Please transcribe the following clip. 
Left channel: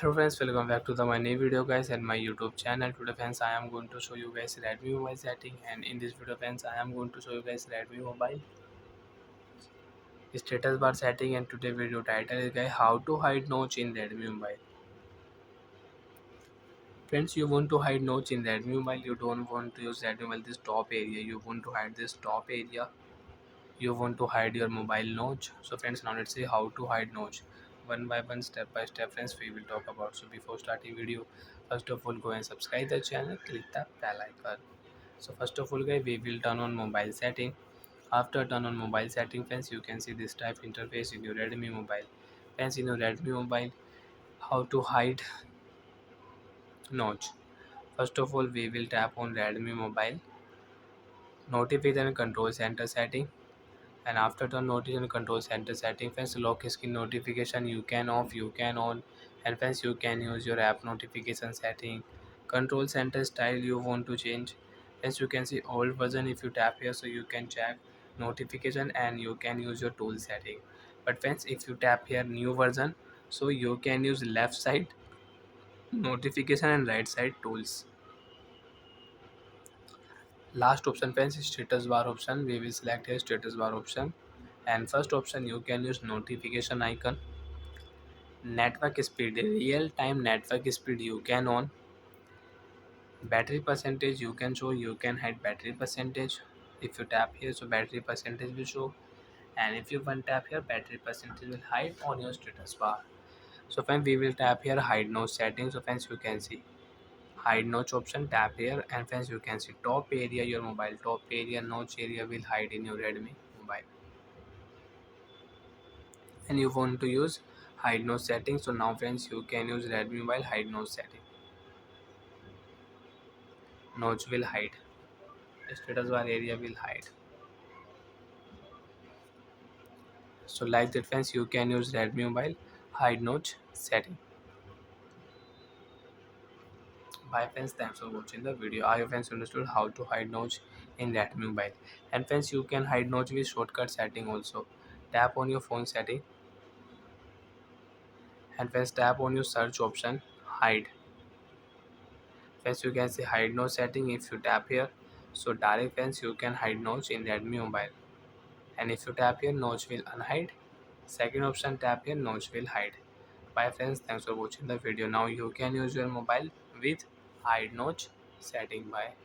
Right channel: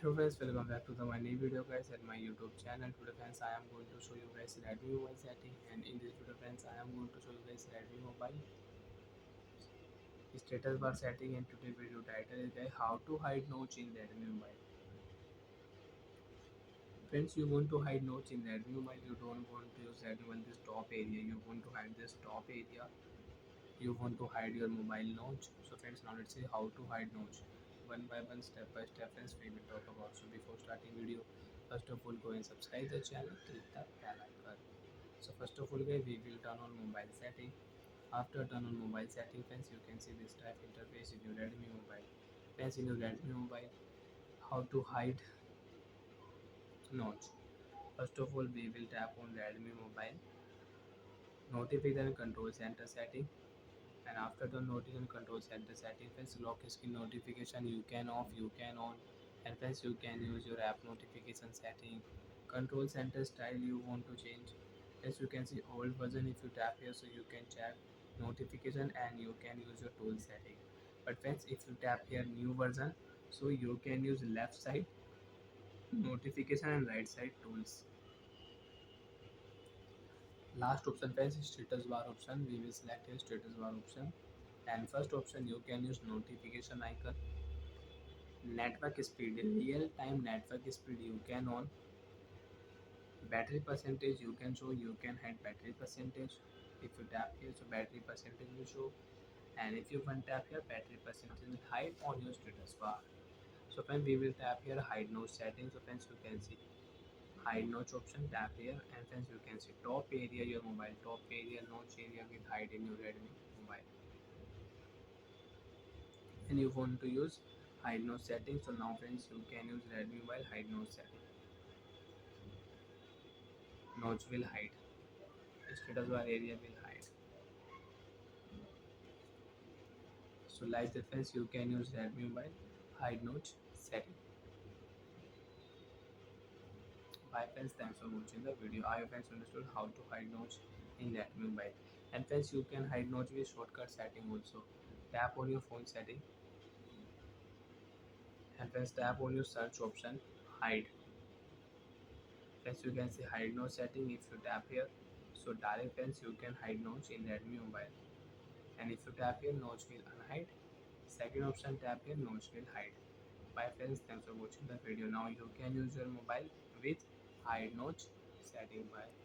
Hello friends, welcome back to my new video guys and my YouTube channel. Today friends, I am going to show you guys Redmi mobile setting, and in this video friends, I am going to show you guys Redmi mobile status bar setting. And today video title is guys how to hide notch in Redmi mobile. Friends, you want to hide notch in Redmi mobile, you don't want to use Redmi mobile this top area, you want to hide this top area, you want to hide your mobile notch. So friends, now let's see how to hide notch one by one, step by step friends, we will talk about. So before starting video, first of all go and subscribe the channel, click the bell icon. So first of all guys, we will turn on mobile setting. After turn on mobile setting friends, you can see this type interface in your Redmi mobile. Friends, in your Redmi mobile, how to hide notch. First of all, we will tap on Redmi mobile notification control center setting. And after the notification control center setting friends, lock screen notification you can off, you can on. And friends, you can use your app notification setting. Control center style you want to change. Friends, you can see old version if you tap here, so you can check notification and you can use your tool setting. But friends, if you tap here new version, so you can use left side notification and right side tools. Last option friends is status bar option. We will select here status bar option. And first option, you can use notification icon. Network speed, real time network speed you can on. Battery percentage you can show, you can hide battery percentage. If you tap here, so battery percentage will show. And if you one tap here, battery percentage will hide on your status bar. So friends, we will tap here hide notch settings. So friends, you can see hide notch option, tap here. And friends, you can see top area your mobile, top area notch area will hide in your Redmi mobile. And you want to use hide notch setting, so now friends, you can use Redmi mobile hide notch setting. Notch will hide, status bar area will hide. So like that friends, you can use Redmi mobile hide notch setting. Bye friends, thanks for watching the video. I hope friends understood how to hide notch in Redmi mobile. And friends, you can hide notch with shortcut setting also. Tap on your phone setting, and friends, tap on your search option, hide. Friends, you can see hide notch setting. If you tap here, so direct friends, you can hide notch in Redmi mobile. And if you tap here, notch will unhide. Second option, tap here, notch will hide. Bye friends, thanks for watching the video. Now you can use your mobile with hide notch setting. Bye.